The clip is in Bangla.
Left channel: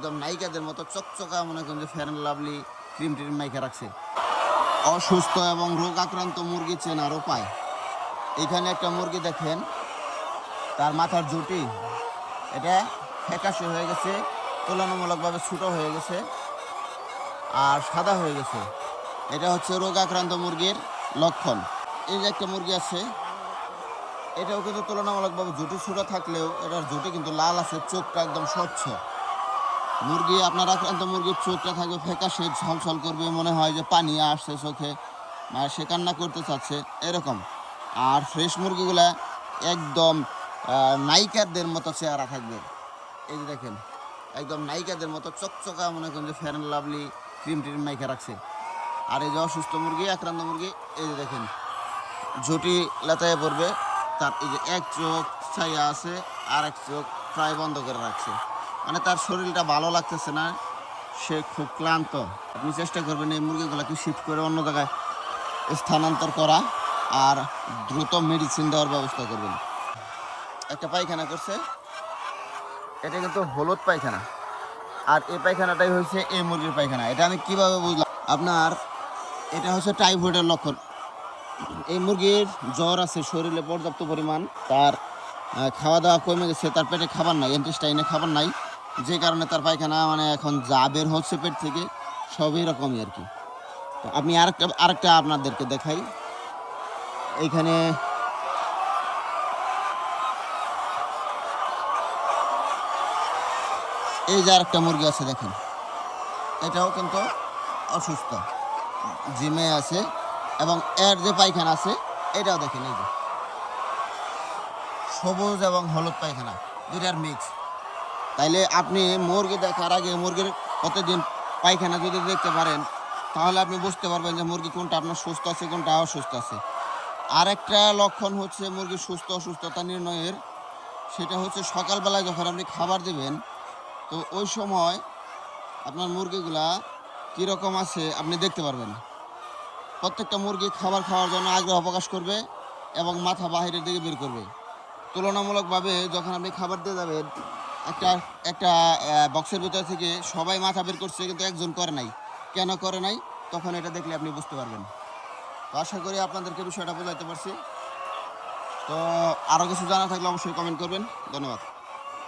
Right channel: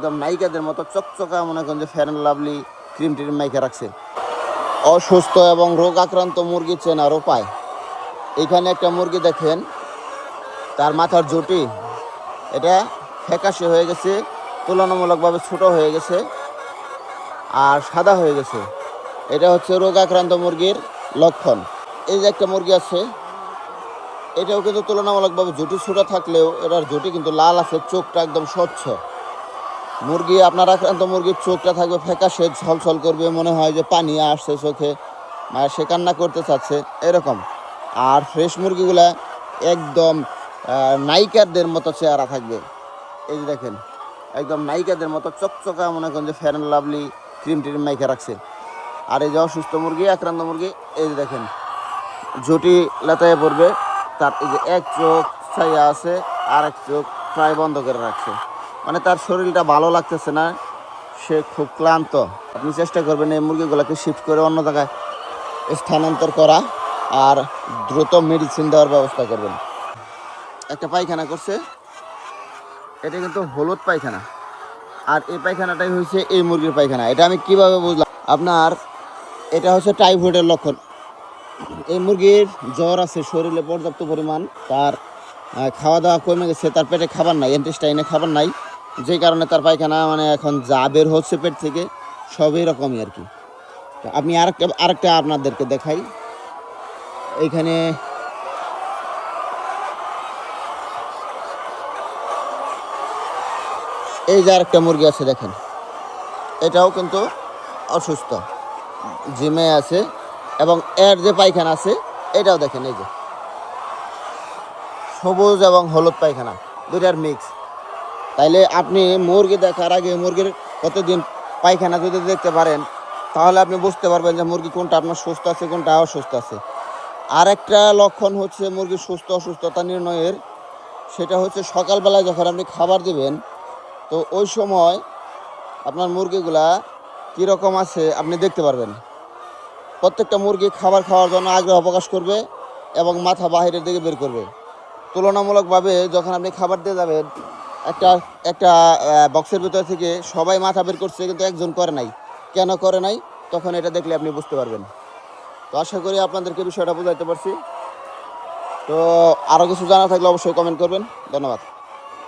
একদম নায়িকাদের মতো চকচকা মনে করেন যে fair and lovely cream trim মাইকে রাখছে। অসুস্থ এবং রোগ আক্রান্ত মুরগি চেনার উপায়, এখানে একটা মুরগি দেখেন, তার মাথার জুটি এটা ফ্যাকাশে হয়ে গেছে, তুলনামূলকভাবে ছোট হয়ে গেছে আর সাদা হয়ে গেছে। এটা হচ্ছে রোগ আক্রান্ত মুরগির লক্ষণ। এই যে একটা মুরগি আছে, এটাও কিন্তু তুলনামূলকভাবে জুটি ছোট থাকলেও এটার জুটি কিন্তু লাল আছে, চোখটা একদম স্বচ্ছ। মুরগি আপনার আক্রান্ত মুরগির চোখটা থাকবে ফ্যাকাশে, ছলছল করবে, মনে হয় যে পানি আসছে চোখে, সে কান্না করতে চাচ্ছে এরকম। আর ফ্রেশ মুরগিগুলা একদম নায়িকাদের মতো চেহারা থাকবে। এই যে দেখেন, একদম নায়িকাদের মতো চকচকা মনে করেন যে fair and lovely cream trim মাইকে রাখছে। আর এই যে অসুস্থ মুরগি, আক্রান্ত মুরগি, এই যে দেখেন ঝুটি লেতায় পড়বে, তার এই যে এক চোখ ছাইয়া আছে আর এক চোখ প্রায় বন্ধ করে রাখছে, মানে তার শরীরটা ভালো লাগতেছে না, সে খুব ক্লান্ত। আপনি চেষ্টা করবেন এই মুরগিগুলোকে শিফট করে অন্য জায়গায় স্থানান্তর করা আর দ্রুত মেডিসিন দেওয়ার ব্যবস্থা করবেন। একটা পায়খানা করছে, এটা কিন্তু হলুদ পায়খানা, আর এই পায়খানাটাই হয়েছে এই মুরগির পায়খানা। এটা আমি কিভাবে বুঝলাম, আপনার এটা হচ্ছে টাইফয়েডের লক্ষণ। এই মুরগির জ্বর আছে শরীরে পর্যাপ্ত পরিমাণ, তার খাওয়া দাওয়া কমে গেছে, তার পেটে খাবার নাই, ইন্টেস্টাইনে খাবার নাই, যেই কারণে তার পায়খানা মানে এখন যা বের হচ্ছে পেট থেকে সব এরকমই আর কি। তো আমি আরেকটা আপনাদেরকে দেখাই। এইখানে এই যে আরেকটা মুরগি আছে দেখেন, এটাও কিন্তু অসুস্থ, জিমে আছে, এবং এর যে পায়খানা আছে এটাও দেখেন, এই যে সবুজ এবং হলুদ পায়খানা দুইটার মিক্স। তাইলে আপনি মুরগি দেখার আগে মুরগির প্রতিদিন পায়খানা যদি দেখতে পারেন, তাহলে আপনি বুঝতে পারবেন যে মুরগি কোনটা আপনার সুস্থ আছে, কোনটা অসুস্থ আছে। আর একটা লক্ষণ হচ্ছে মুরগির সুস্থ অসুস্থতা নির্ণয়ের, সেটা হচ্ছে সকালবেলায় যখন আপনি খাবার দিবেন, তো ওই সময় আপনার মুরগিগুলা কীরকম আছে আপনি দেখতে পারবেন। প্রত্যেকটা মুরগি খাবার খাওয়ার জন্য আগ্রহ প্রকাশ করবে এবং মাথা বাহিরের দিকে বের করবে। তুলনামূলকভাবে যখন আপনি খাবার দিয়ে যাবেন, একটা বক্সের ভিতর থেকে সবাই মাথা বের করছে কিন্তু একজন করে নাই, কেন করে নাই, তখন এটা দেখলে আপনি বুঝতে পারবেন। তো আশা করি আপনাদেরকে বিষয়টা বোঝাতে পারছি। তো আরও কিছু জানা থাকলে অবশ্যই কমেন্ট করবেন। ধন্যবাদ।